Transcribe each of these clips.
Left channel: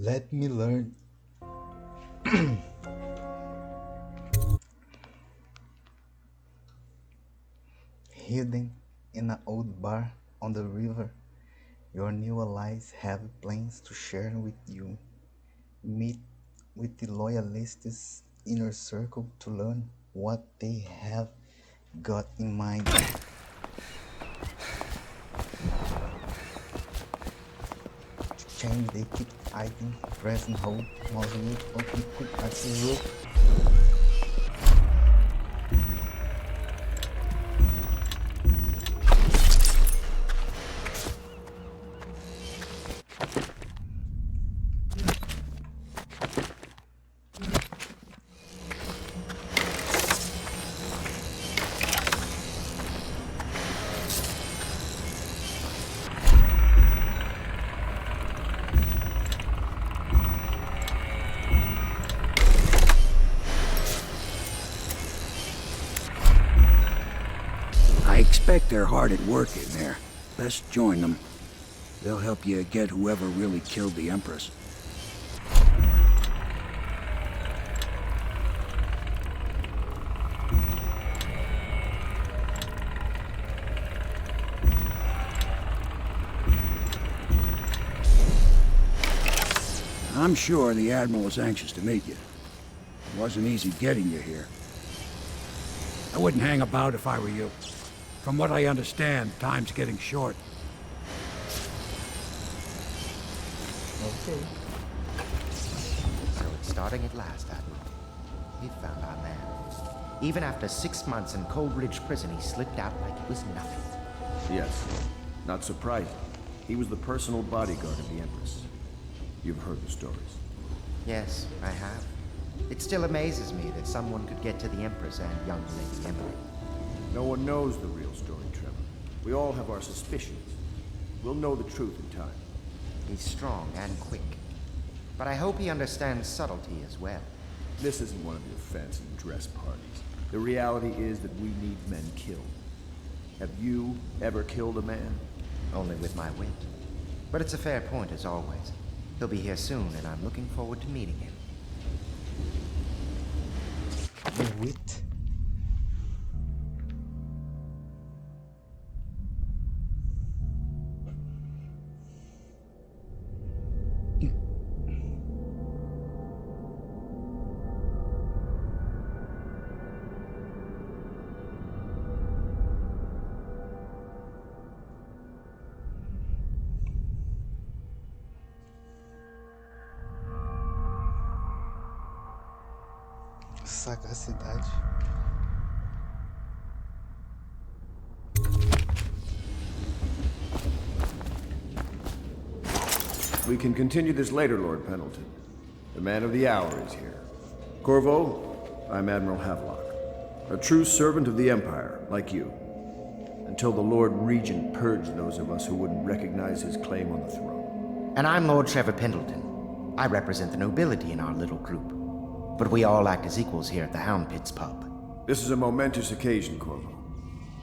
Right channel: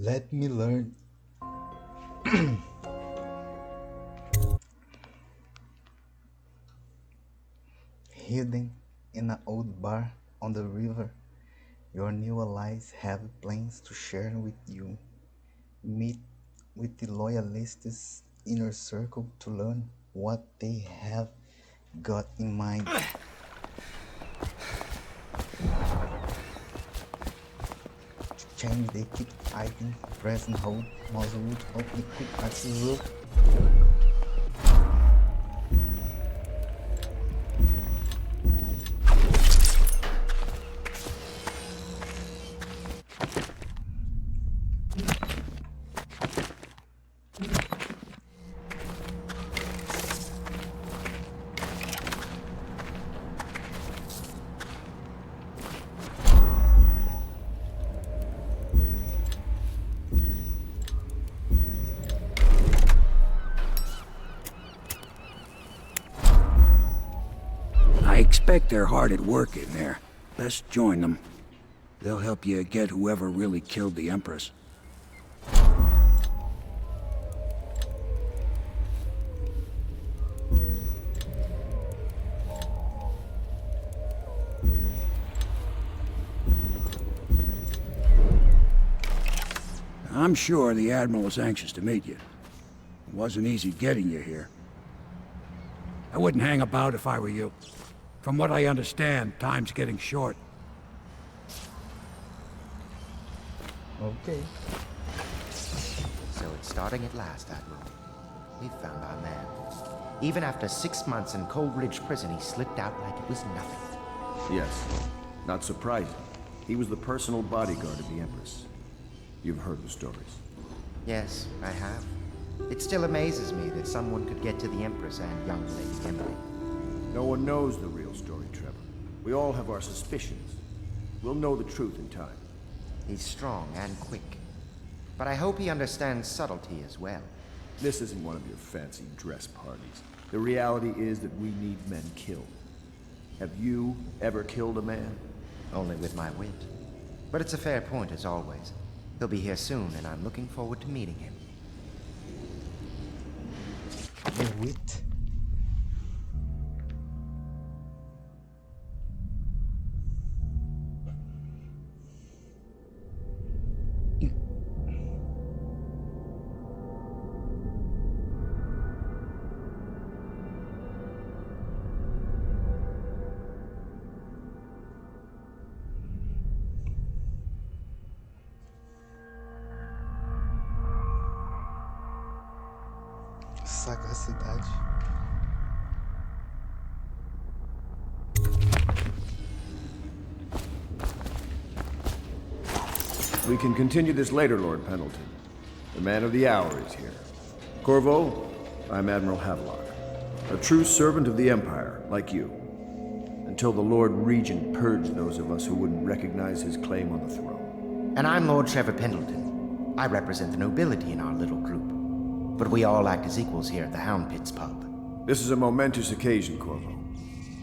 Let me learn. Hidden in an old bar on the river, your new allies have plans to share with you. Meet with the loyalists' inner circle to learn what they have got in mind. To change, they keep fighting, press and hold, mouse root, open quick access rope. I expect they're hard at work in there. Let's join them. They'll help you get whoever really killed the Empress. I'm sure the Admiral is anxious to meet you. It wasn't easy getting you here. I wouldn't hang about if I were you. From what I understand, time's getting short. Okay. So it's starting at last, Admiral. We've found our man. Even after 6 months in Cold Ridge Prison, he slipped out like it was nothing. Yes. Not surprising. He was the personal bodyguard of the Empress. You've heard the stories. Yes, I have. It still amazes me that someone could get to the Empress and young Lady Emily. No one knows the real story, Trevor. We all have our suspicions. We'll know the truth in time. He's strong and quick. But I hope he understands subtlety as well. This isn't one of your fancy dress parties. The reality is that we need men killed. Have you ever killed a man? Only with my wit. But it's a fair point as always. He'll be here soon, and I'm looking forward to meeting him. The wit. Sagacidade. We can continue this later, Lord Pendleton. The man of the hour is here. Corvo, I'm Admiral Havelock. A true servant of the Empire, like you. Until the Lord Regent purged those of us who wouldn't recognize his claim on the throne. And I'm Lord Trevor Pendleton. I represent the nobility in our little group. But we all act as equals here at the Hound Pits pub. This is a momentous occasion, Corvo.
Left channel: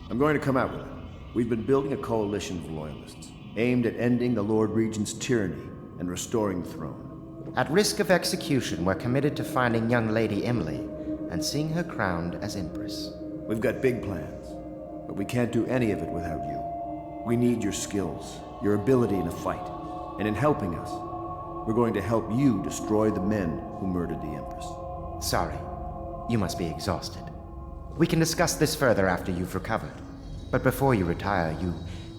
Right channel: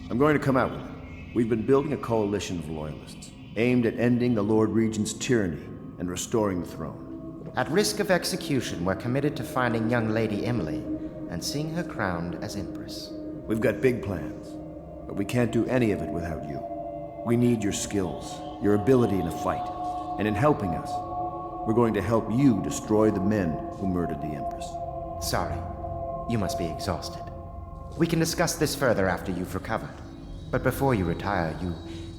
I'm going to come out with it. We've been building a coalition of loyalists, aimed at ending the Lord Regent's tyranny and restoring the throne. At risk of execution, we're committed to finding young Lady Emily and seeing her crowned as Empress. We've got big plans, but we can't do any of it without you. We need your skills, your ability in a fight, and in helping us, we're going to help you destroy the men who murdered the Empress. Sorry, you must be exhausted. We can discuss this further after you've recovered. But before you retire, you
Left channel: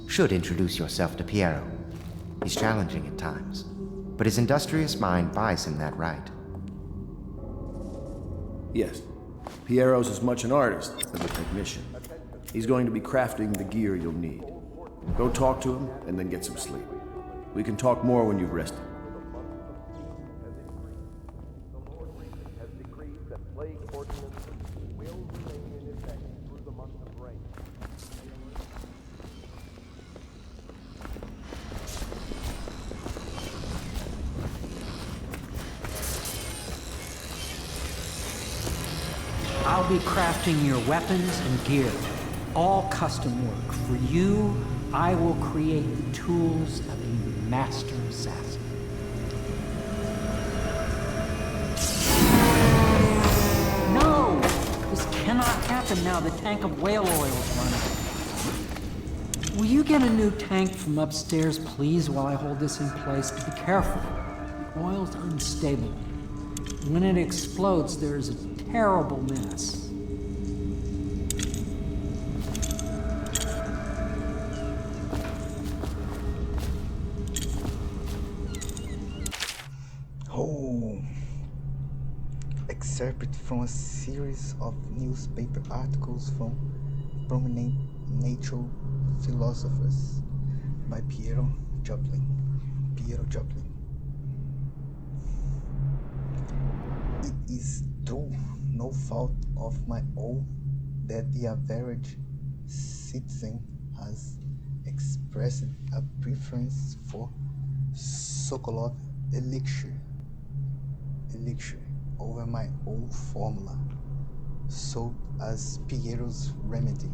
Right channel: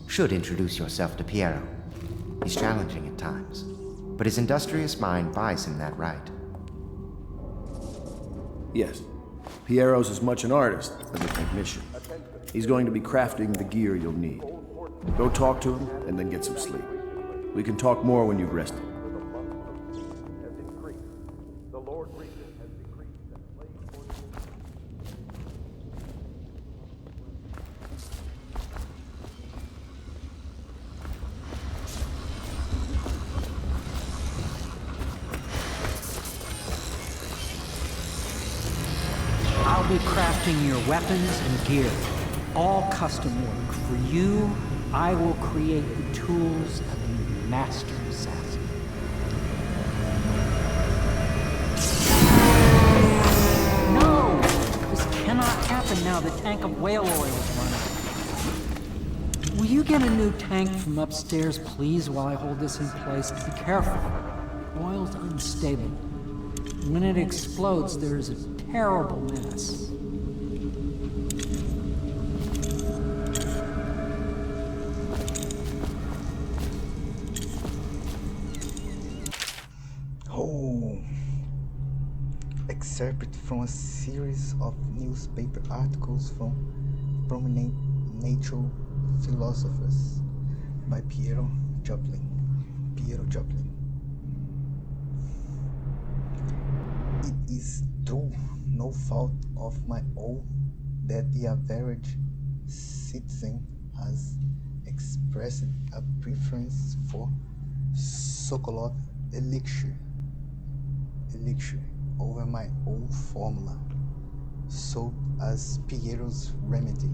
should introduce yourself to Piero. He's challenging at times, but his industrious mind buys him that right. Yes, Piero's as much an artist as a technician. He's going to be crafting the gear you'll need. Go talk to him, and then get some sleep. We can talk more when you've rested. I'll be crafting your weapons and gear, all custom work. For you, I will create the tools of a master assassin. weapon now. The tank of whale oil's running. Will you get a new tank from upstairs, please, while I hold this in place? Be careful. The oil's unstable. When it explodes, there's a terrible mess. Oh, excerpt from a series of newspaper articles from prominent natural philosophers by Piero Joplin. It is through no fault of my own that the average citizen has expressed a preference for Sokolov elixir over my old formula, sold as Piero's remedy.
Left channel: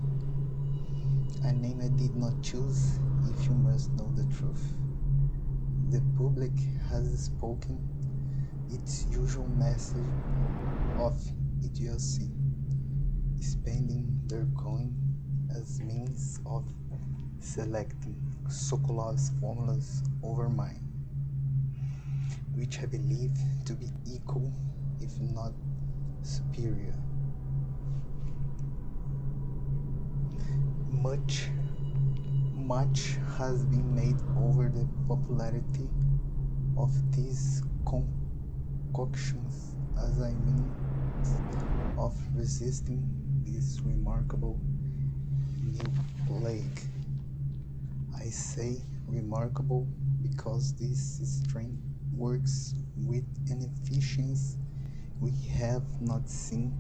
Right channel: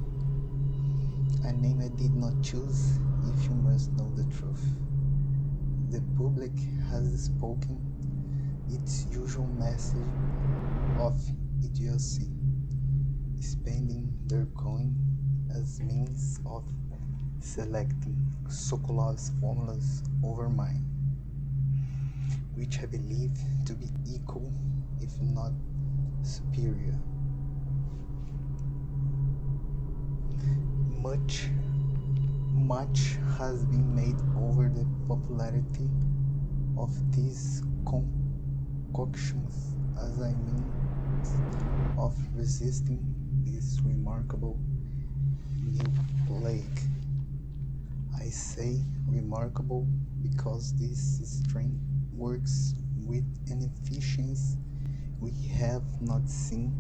A name I did not choose, if you must know the truth. The public has spoken its usual message of idiocy, spending their coin as means of selecting Sokolov's formulas over mine, which I believe to be equal, if not superior. Much has been made over the popularity of these concoctions as a means of resisting this remarkable new plague. I say remarkable because this strain works with an efficiency we have not seen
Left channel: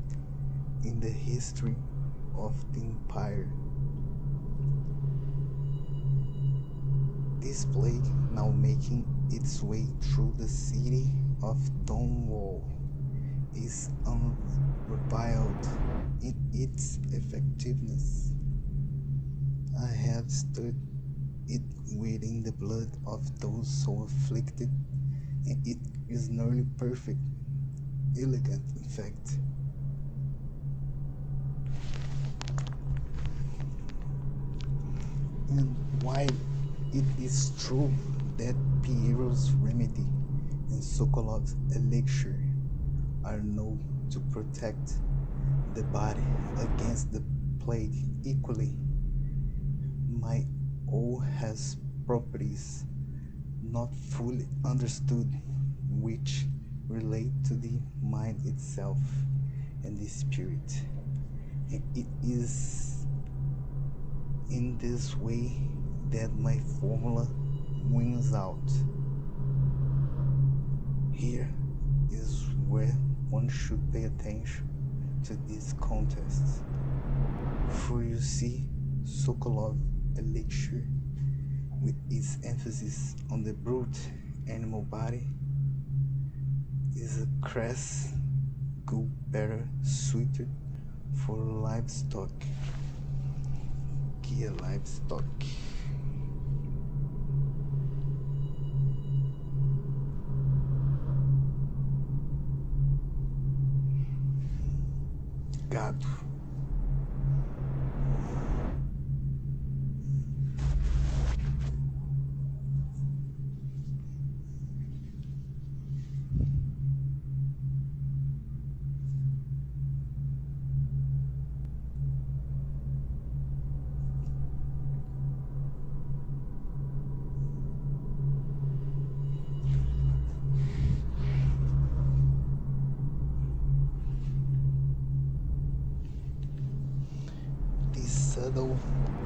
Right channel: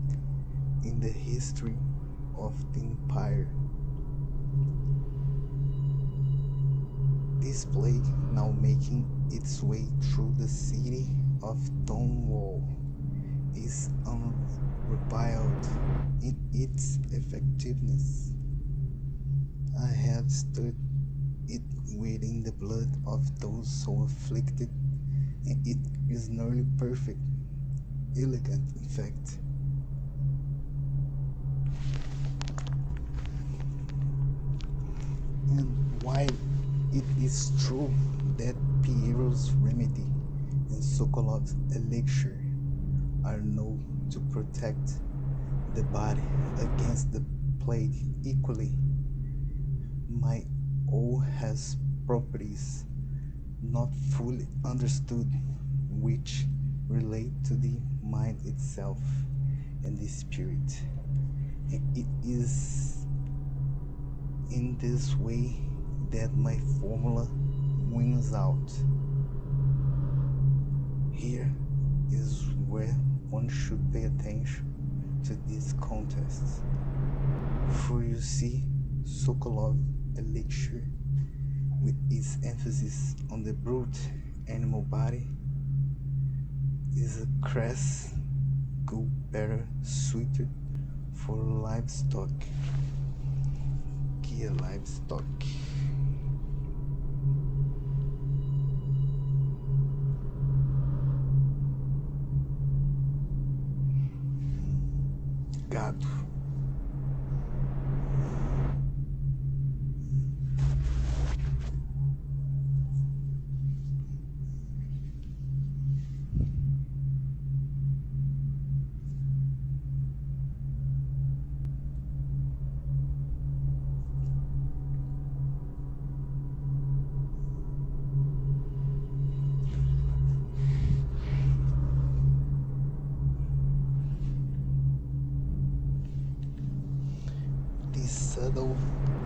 in the history of the Empire. This plague, now making its way through the city of Donwall, is unrivaled in its effectiveness. I have studied it within the blood of those so afflicted, and it is nearly perfect, elegant in fact. And while it is true that Piero's remedy and Sokolov's elixir are known to protect the body against the plague equally, my oil has properties not fully understood which relate to the mind itself and the spirit. And it is in this way that my formula wins out. Here is where one should pay attention to this contest. For you see, Sokolov elixir, with its emphasis on the brute animal body, is a crass good better suited for livestock. Gear livestock. Gado. This subtle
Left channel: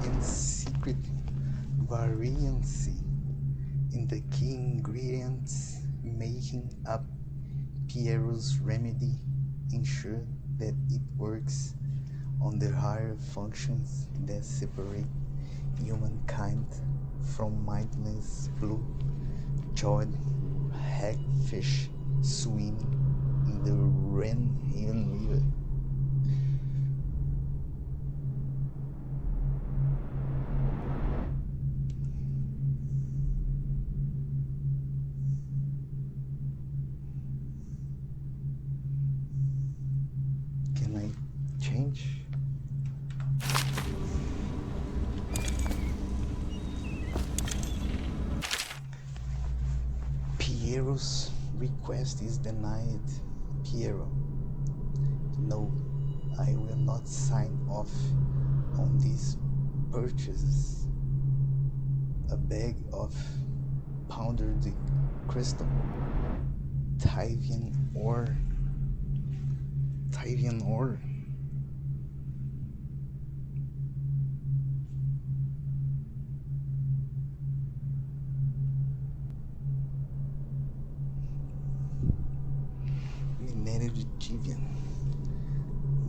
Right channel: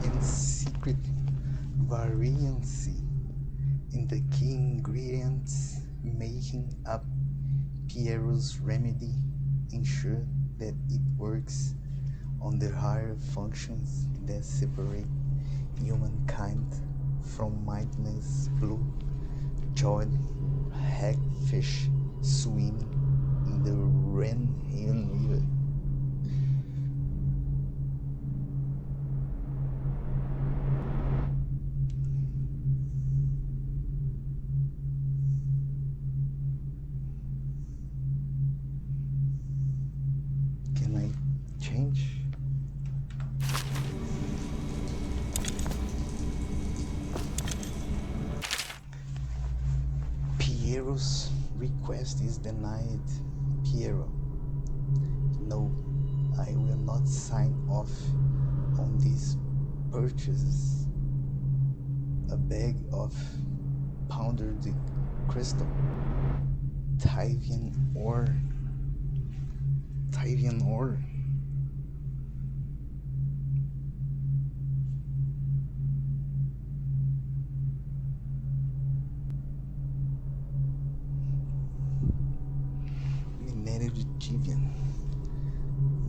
and secret variancy in the key ingredients making up Piero's remedy ensure that it works on the higher functions that separate humankind from mindless blue-jawed hagfish swimming in the Rhenane River. Can I change? Piero's request is denied. Piero, no, I will not sign off on these purchases. A bag of powdered crystal, Tyvian ore. Tyvian ore. Minério de Tyvian.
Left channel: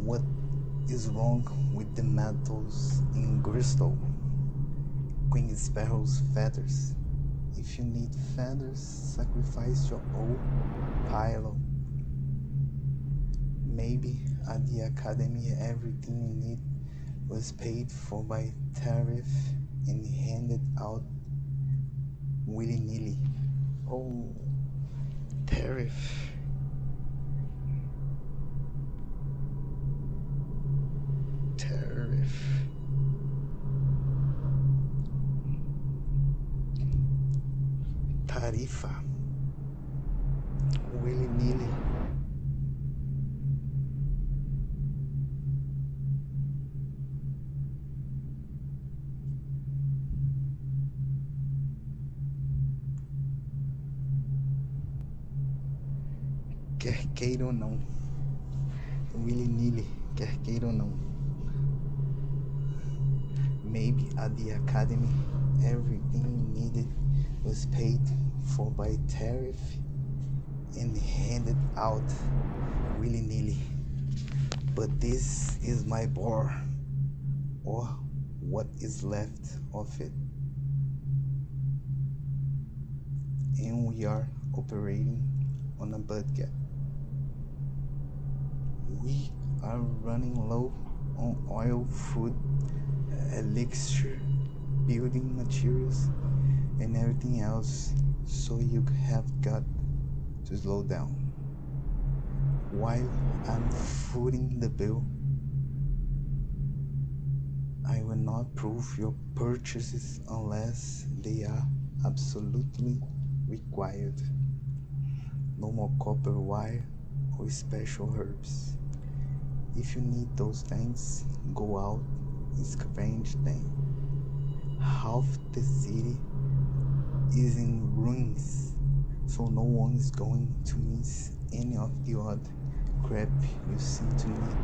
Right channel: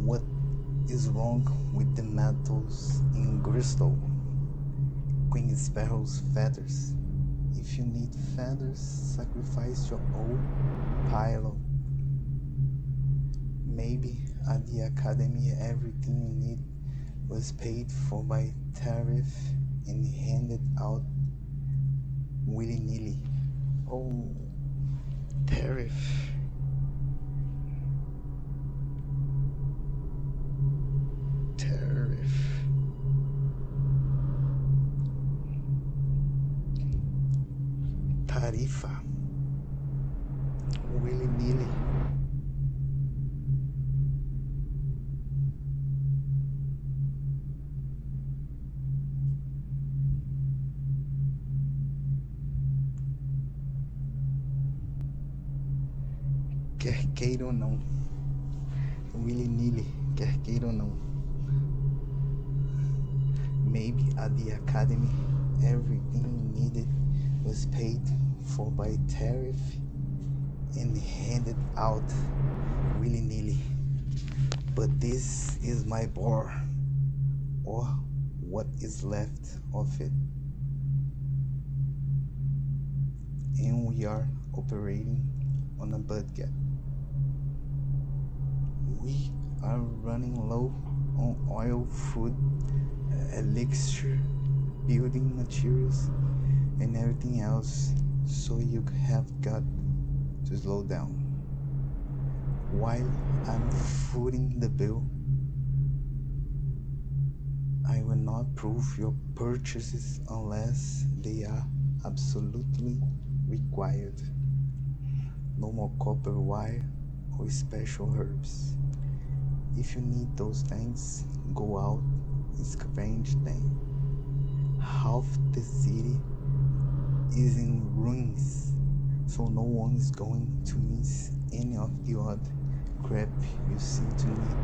What is wrong with the metals in crystal? Queen Sparrow's feathers. If you need feathers, sacrifice your old pillow. Maybe at the academy everything you need was paid for by tariff and handed out willy-nilly. Oh, tariff. Tariff. Tarifa. Willy-nilly. Quer queira ou não. Willy-nilly, quer queira ou não. Maybe at the academy everything you needed was paid for by tariff and handed out willy-nilly. But this is my bar, or what is left of it. And we are operating on a budget. We are running low on oil, food, elixir, building materials, and everything else, so you have got to slow down. While I'm footing the bill, I will not prove your purchases unless they are absolutely required. No more copper wire or special herbs. If you need those things, go out and scavenge them. Half the city is in ruins, so no one is going to miss any of the odd crap you seem to need.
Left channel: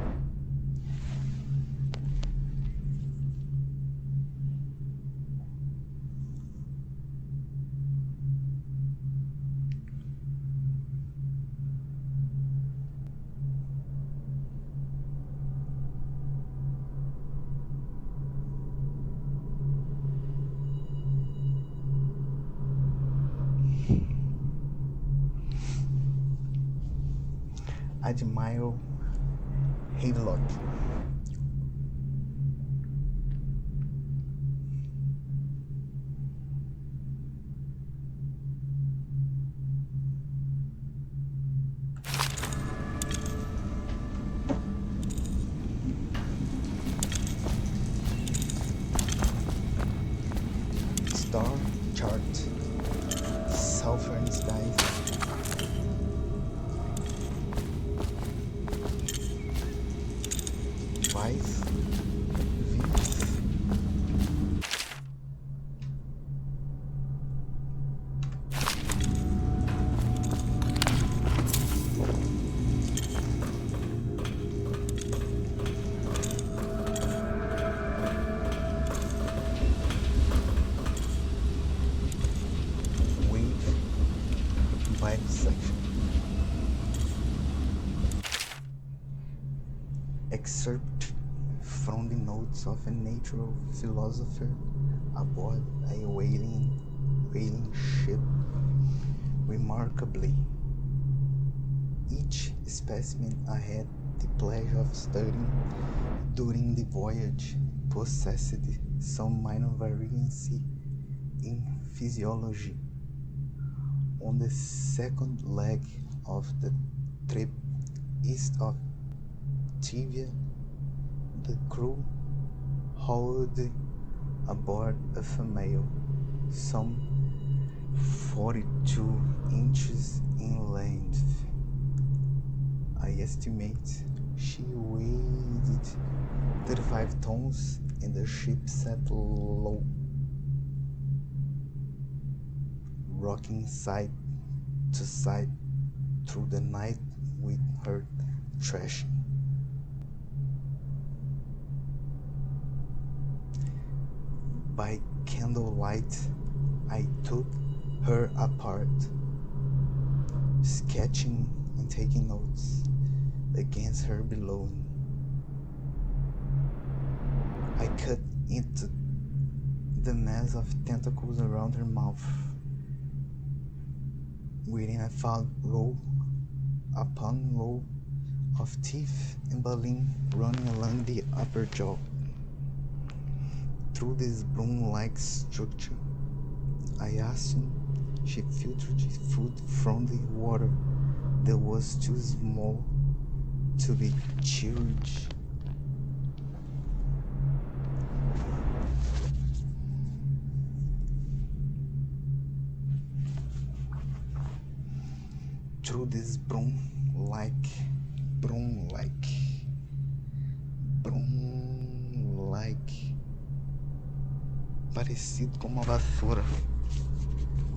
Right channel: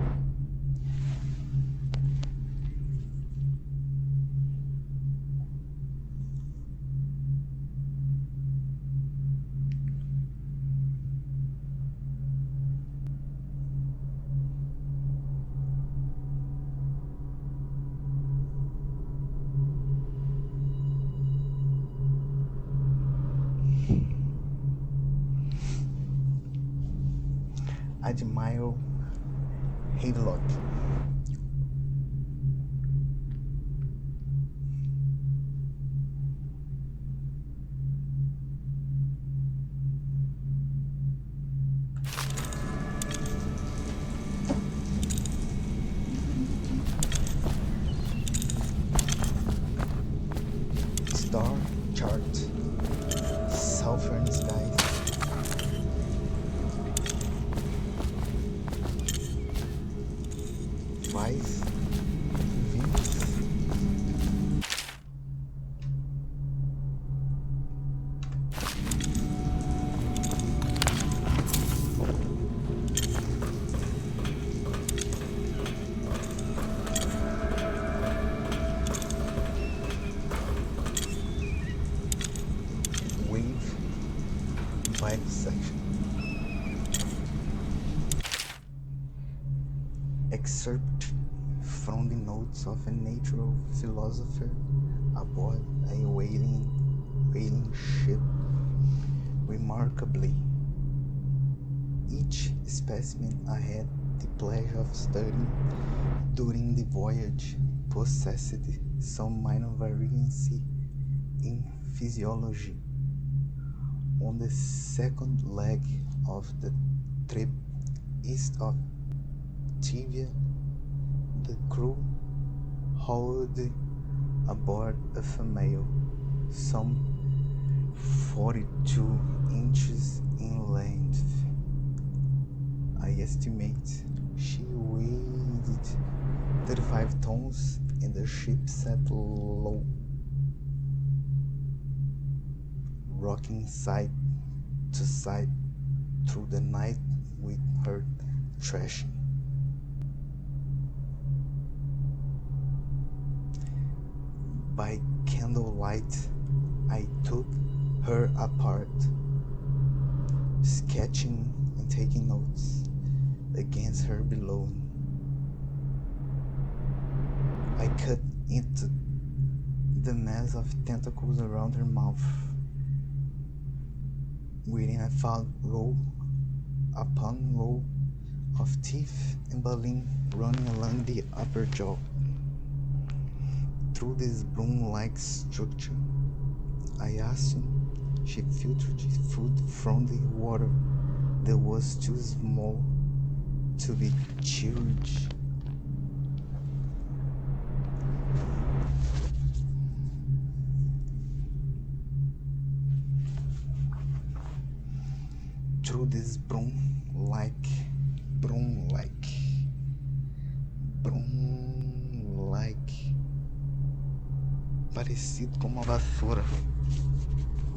Admiral Havelock. Star chart. Southern skies. Five Venus. Wave bisection. Excerpt from the notes of a natural philosopher aboard a whaling ship. Remarkably, each specimen I had the pleasure of studying during the voyage possessed some minor variance in physiology. On the second leg of the trip east of Tivia, the crew hauled aboard a female, some 42 inches in length. I estimate she weighed 35 tons and the ship sat low, rocking side to side through the night with her thrashing. By candlelight, I took her apart, sketching and taking notes against her below. I cut into the mass of tentacles around her mouth, wherein I found row upon row of teeth and baleen running along the upper jaw. Through this broom-like structure, I assumed she filtered food from the water that was too small to be chewed. Through this broom-like, parecido com uma vassoura.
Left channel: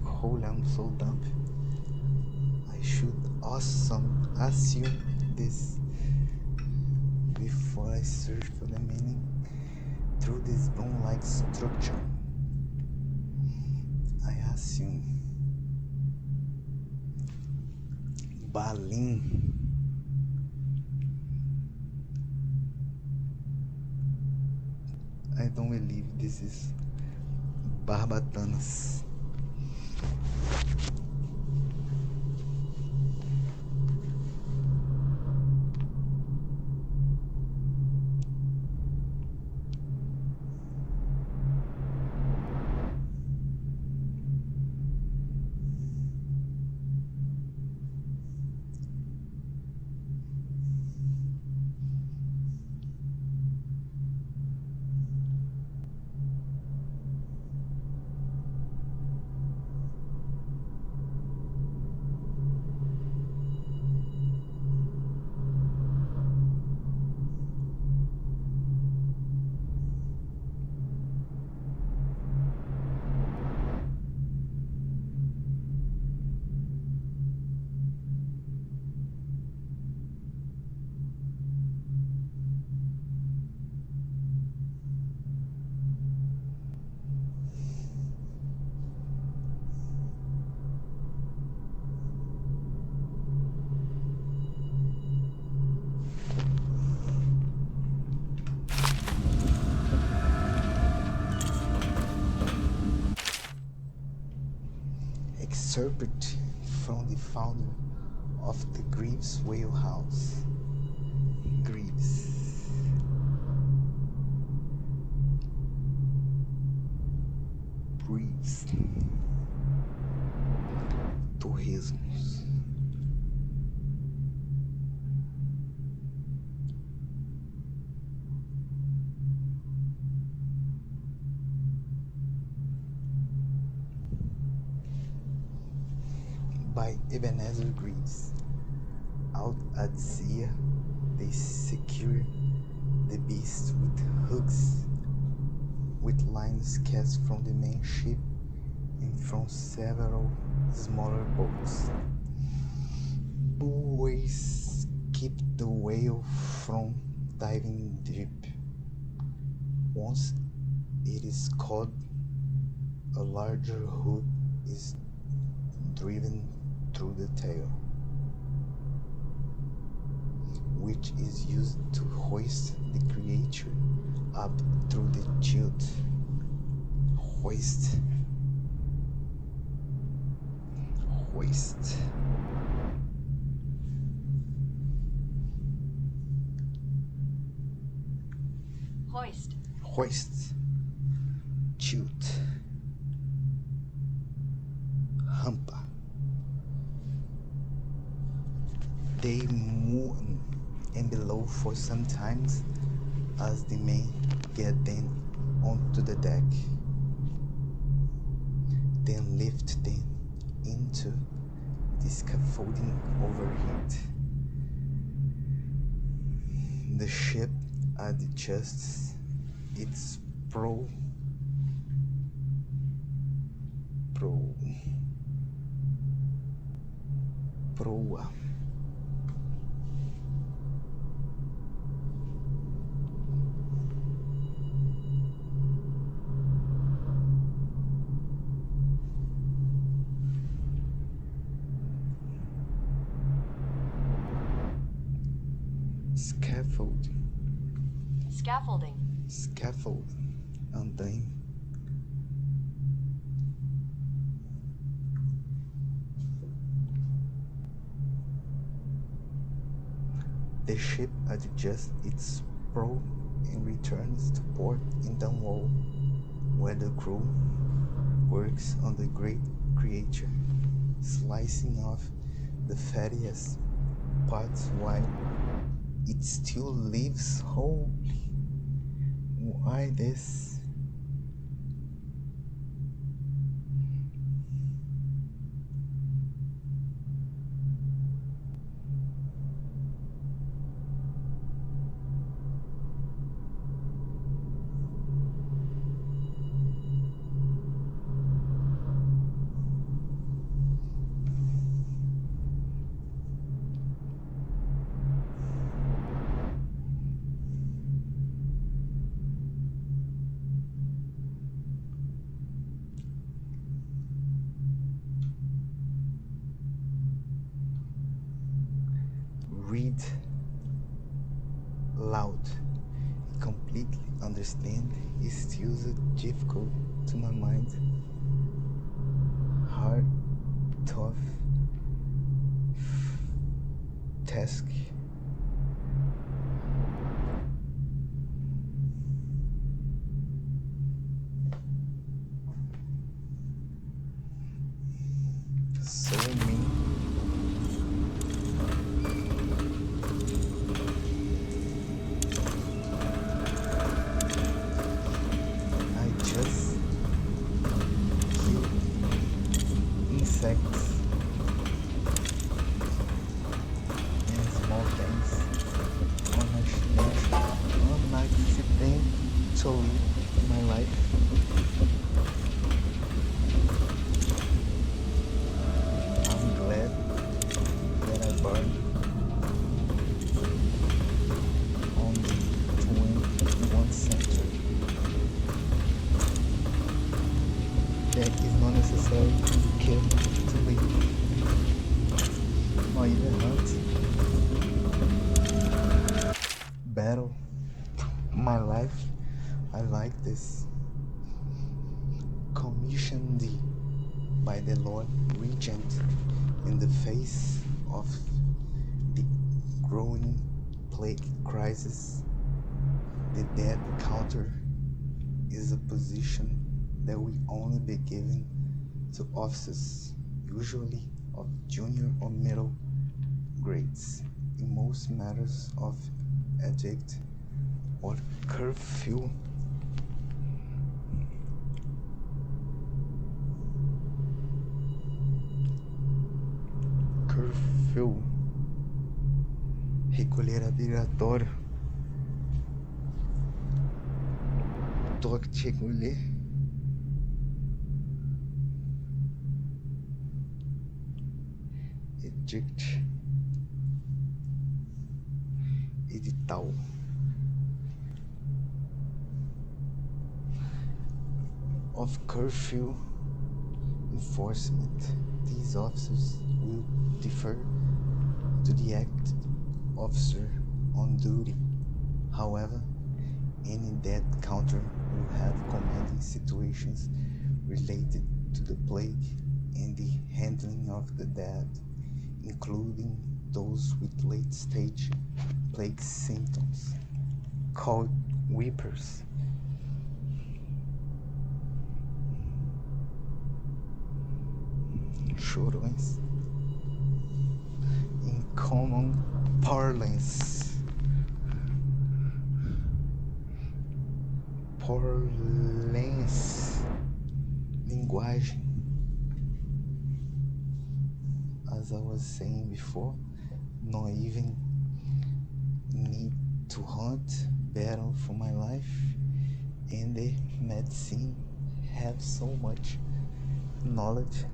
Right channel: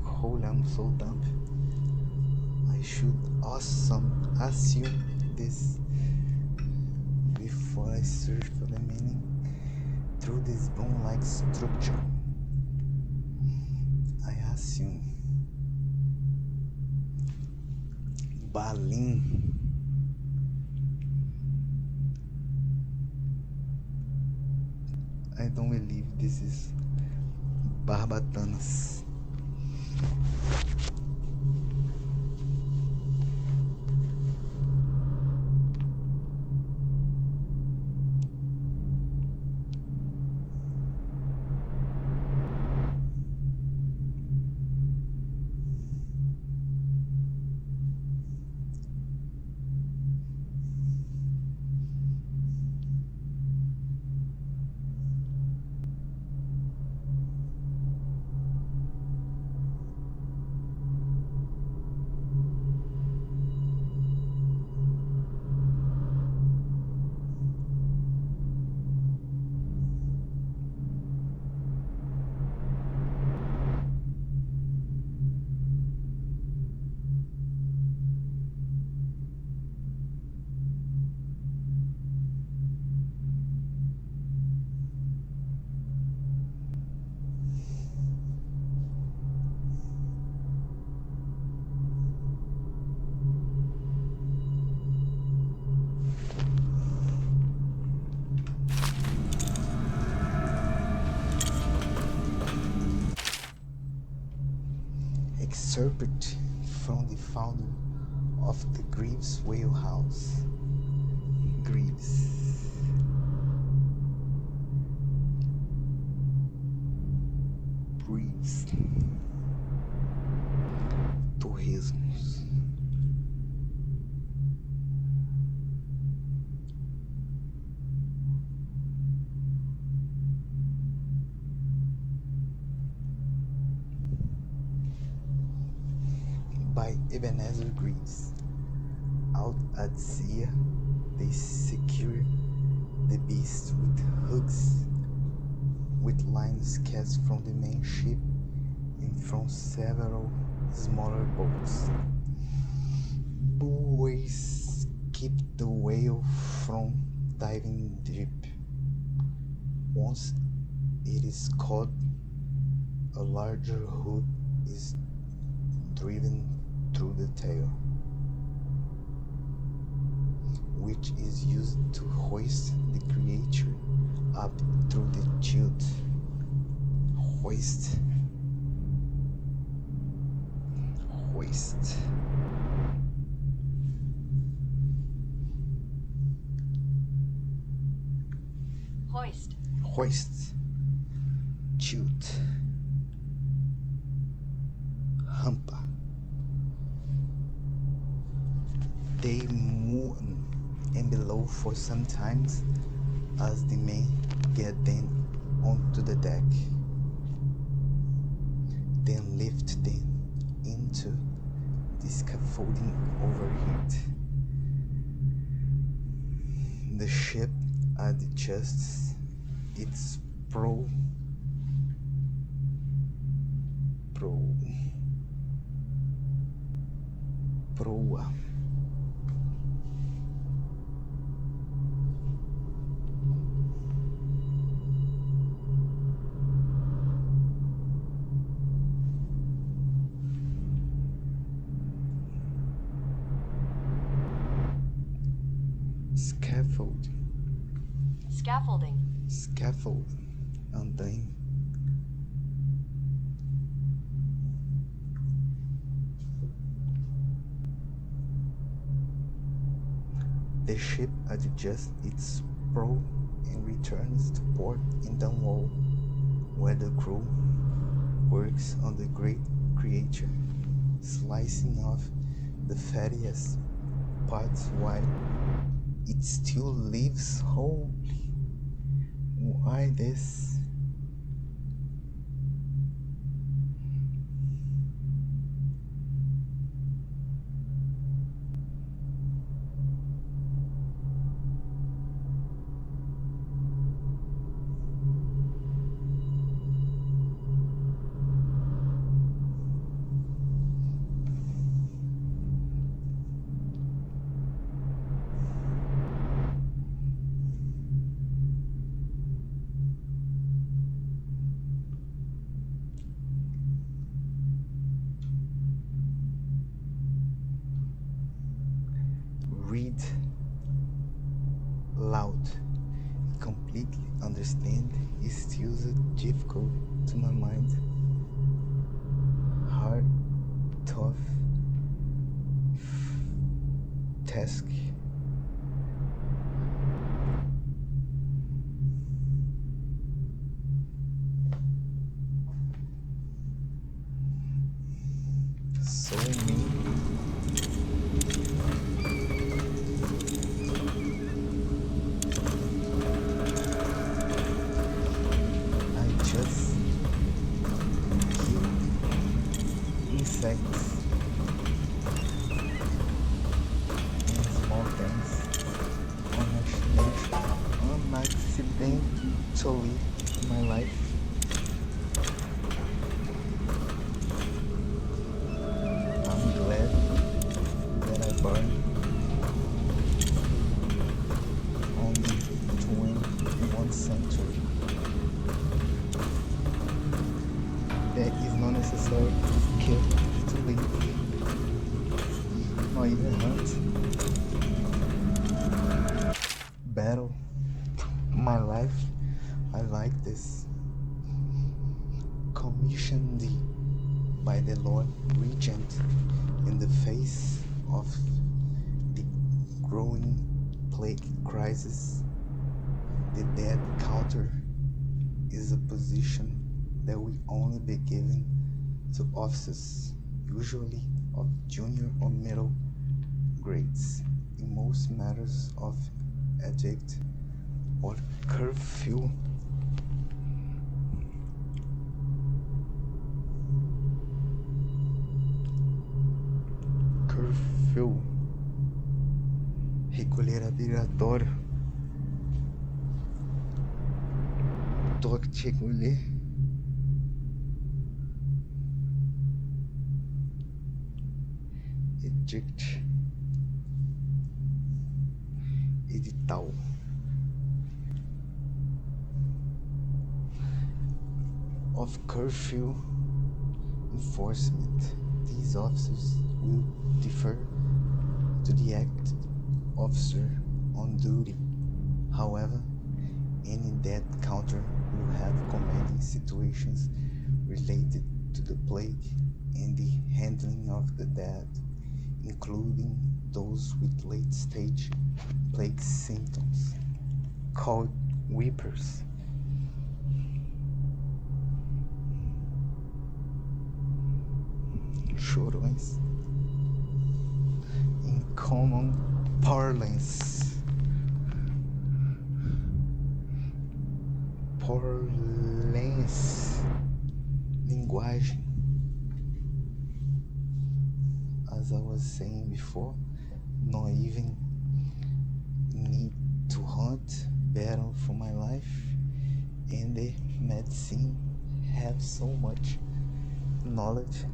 Holy, I'm so dumb. I should assume this before I search for the meaning. Through this broom-like structure, I assume baleen. I don't believe this is barbatanas. Excerpt from the founder of the Greaves Whale House. Greaves. Torresmos. By Ebenezer Greaves. Out at sea, they secure the beast with hooks, with lines cast from the main ship and from several smaller boats. Buoys keep the whale from diving deep. Once it is caught, a larger hook is driven through the tail, which is used to hoist the creature up through the chute. Hoist. Chute. Hampa. They move and below for some times as the men get them onto the deck, then lift them into The scaffolding overheat. The ship adjusts its proa. Scaffold. Andaime. The ship adjusts its prow and returns to port in Dunwall, where the crew works on the great creature, slicing off the fattiest parts while it still lives whole. Why this? Read loud. Completely understand is still difficult to my mind. Hard, tough task. So many. I just kill insects and small things unaccidentally in my life. I'm glad that I burned on the 21st century. That is not necessary to kill to live, or even hunt. Battle my life. I like this. Commissioned by the Lord Regent in the face of the growing plague crisis. The death counter is a position that will only be given to officers, usually of junior or middle grades, in most matters of edict or curfew. Curfew. Recolher obrigatório. Toque de recolher. Edict. Edital. Of curfew enforcement. These officers will defer to the acting officer on duty. However, any death counter will have commanding situations related to the plague and the handling of the dead, including those with late-stage plague symptoms, called weepers. Chorões. In common parlance. Linguagem. A as I was saying before, not even need to hunt battle for my life, and the medicine have so much knowledge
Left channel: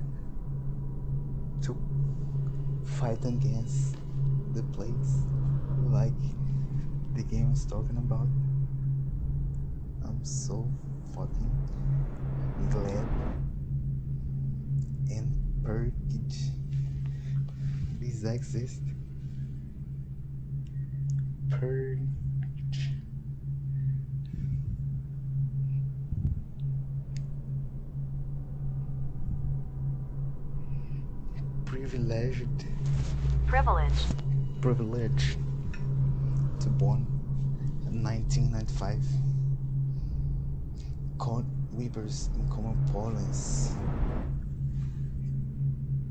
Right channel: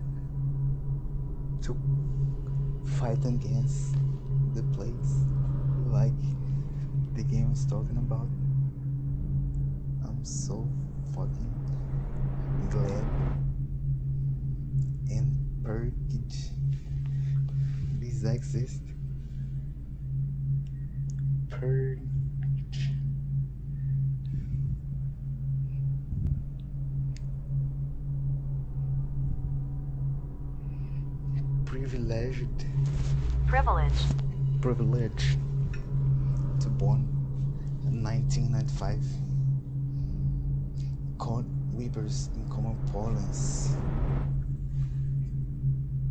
to fight against the plagues like the game is talking about. I'm so fucking glad and purged this exist. Purge. Privileged. Privilege. Privilege to born in 1995. Caught weepers in common parlance.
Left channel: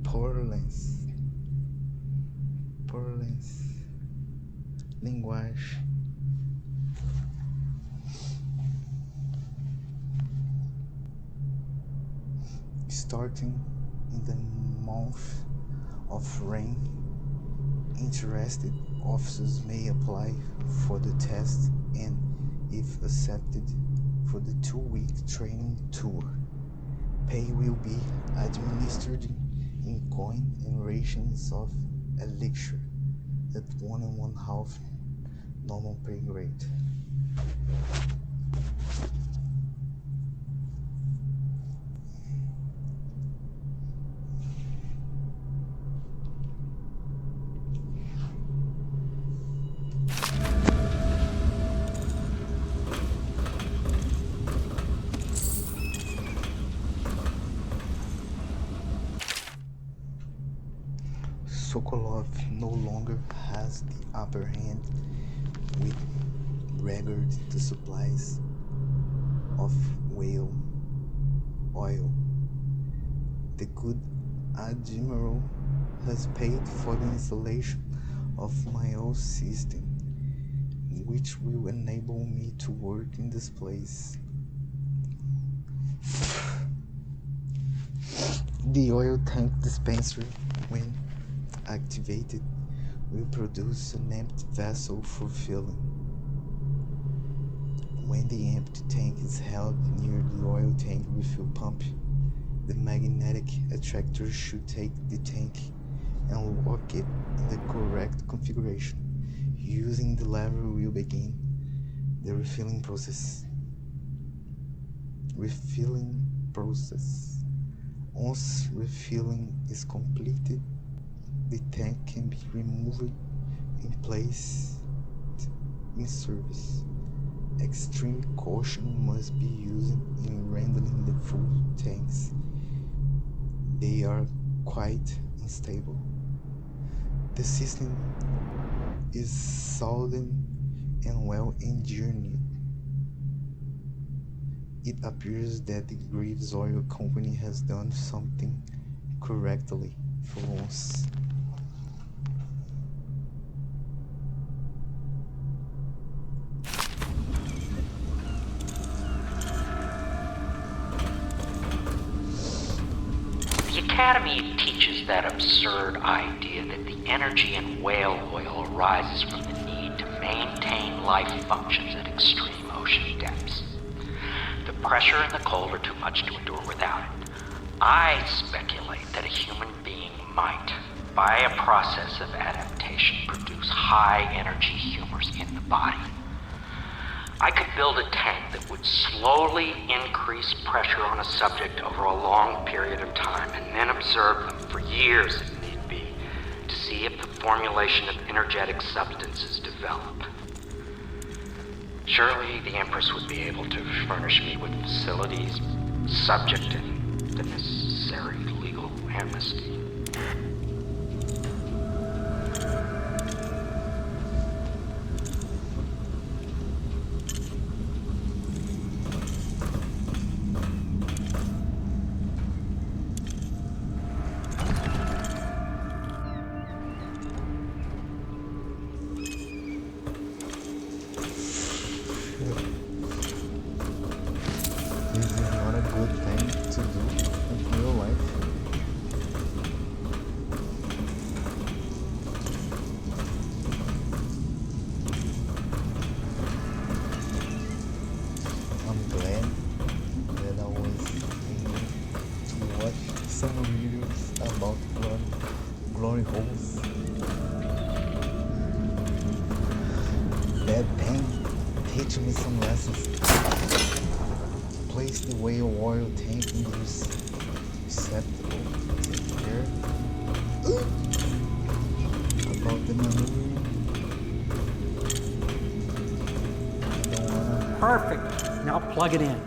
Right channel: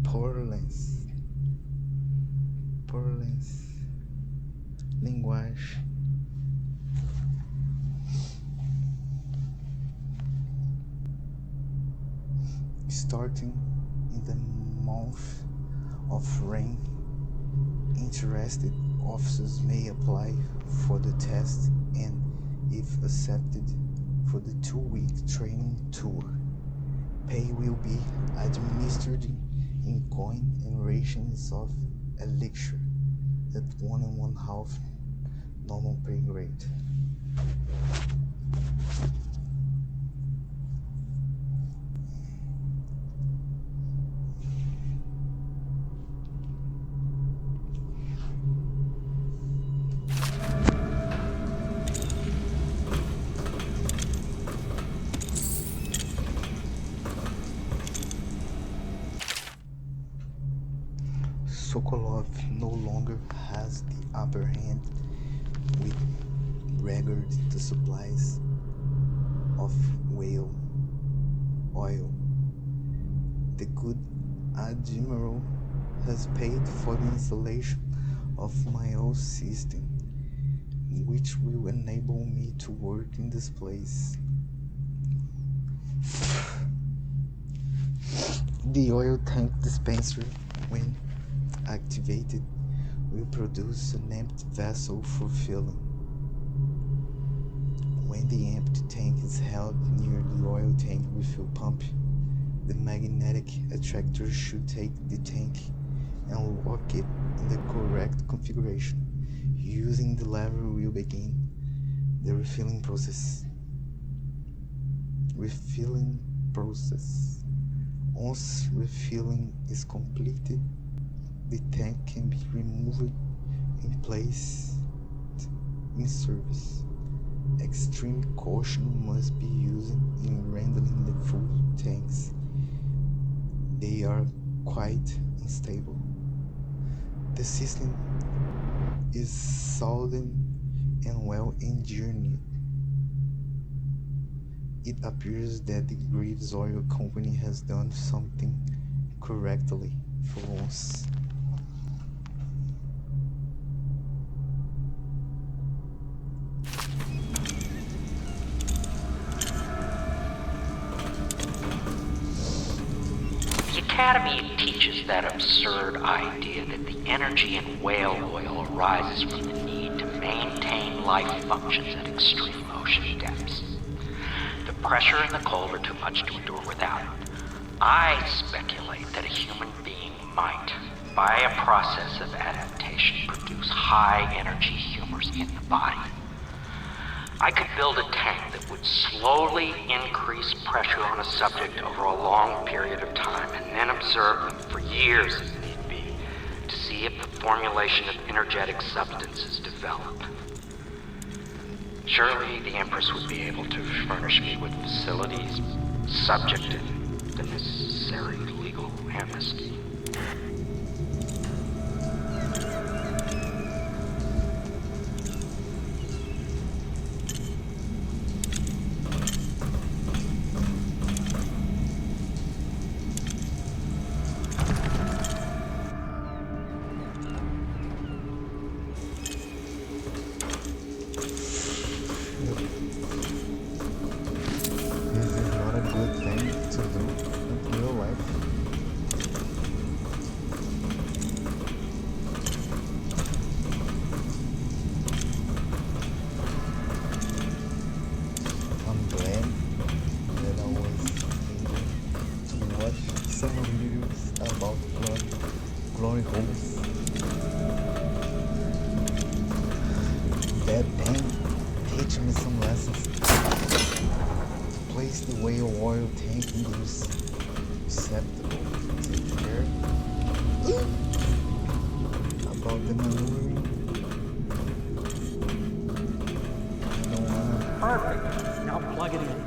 Parlance. Parlance. Linguage. Starting in the month of rain, interested officers may apply for the test and, if accepted, for the 2-week training tour. Pay will be administered in coin and rations of elixir at 1 1/2 normal pay grade. Sokolov no longer has the upper hand with regard to supplies of whale oil. The good Admiral has paid for the installation of my own system, which will enable me to work in this place. The oil tank dispenser, when activated, will produce an empty vessel for filling. When the empty tank is held near the oil tank refill pump, the magnetic attractor should take the tank and lock it in the correct configuration. Using the lever will begin the refilling process. Once refilling is completed, the tank can be removed and placed in service. Extreme caution must be used in handling the full tanks. They are quite unstable. The system is solid and well engineered. It appears that the Greaves Oil Company has done something correctly for once. The Academy teaches that absurd idea that the energy in whale oil arises from the need to maintain life functions at extreme ocean depths. The pressure and the cold are too much to endure without it. I speculate that a human being might, by a process of adaptation, produce high-energy humors in the body. I could build a tank that would slowly increase pressure on a subject over a long period of time and then observe them for years if need be to see if the formulation of energetic substances develop. Surely the Empress would be able to furnish me with facilities subject to the necessary legal amnesty. This is not a good thing to do in real life. glory holes. That thing teach me some lessons. Place the whale oil tank in the receptacle. Take care about the maneuvering. Don't wanna. Perfect. Now plug it in.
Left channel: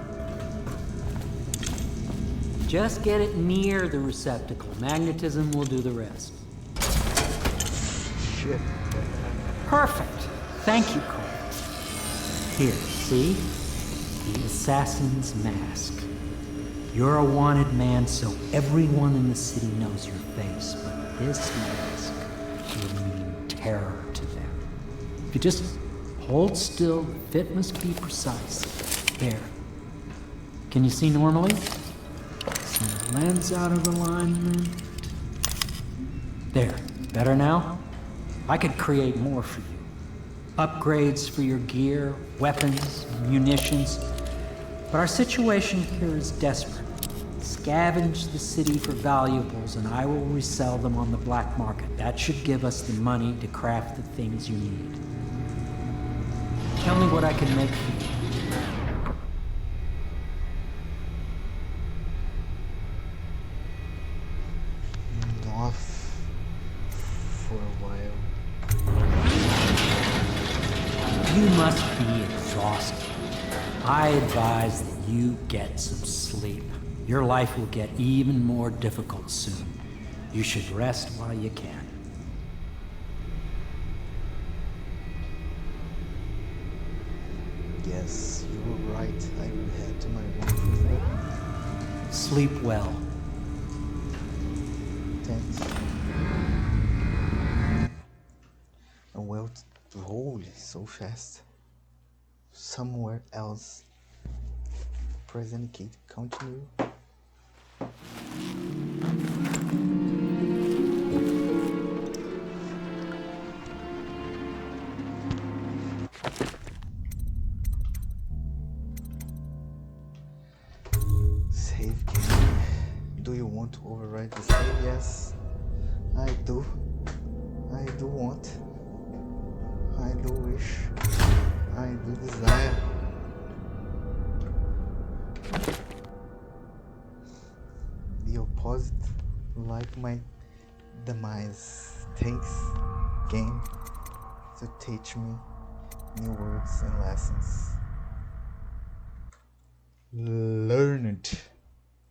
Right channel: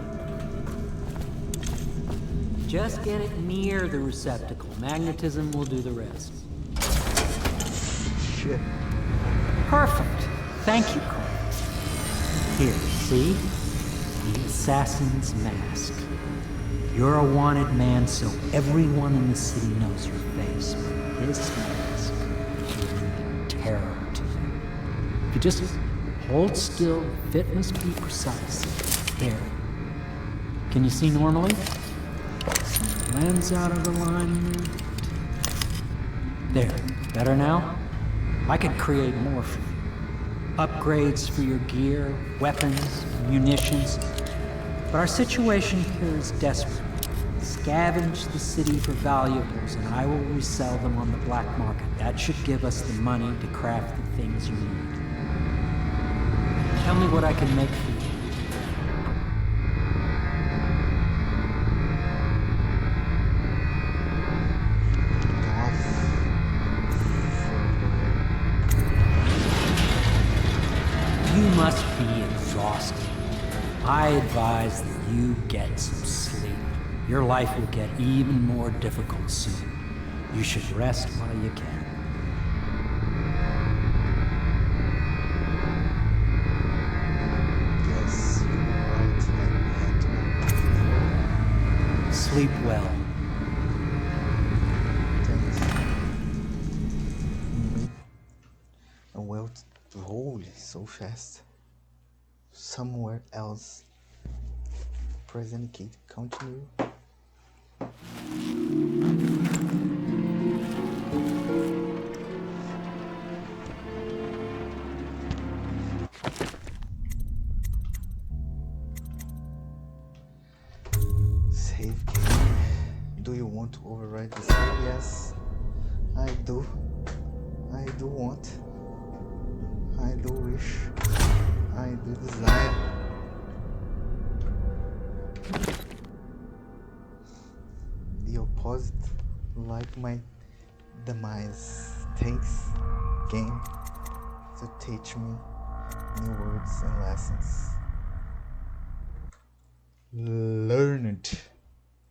Just get it near the receptacle. Magnetism will do the rest. Shit. Perfect. Thank you, Cole. Here, see? The assassin's mask. You're a wanted man, so everyone in the city knows your face, but this mask will mean terror to them. If you just hold still, the fit must be precise. There. Can you see normally? Some lens out of alignment. There. Better now? I could create more for you. Upgrades for your gear, weapons, munitions. But our situation here is desperate. Scavenge the city for valuables and I will resell them on the black market. That should give us the money to craft the things you need. Tell me what I can make for you. Off for a while. You must be exhausted. I advise that you get some sleep. Your life will get even more difficult soon. You should rest while you can. Yes, you were right. I will head to my room. Sleep well. Thanks. Well, holy, so fast. Somewhere else. Present key to continue. Save game. Do you want to override the save? Yes, I do. I do want. I do wish. I do desire. The opposite, like my demise. Thanks, game, to teach me new words and lessons. Learn it.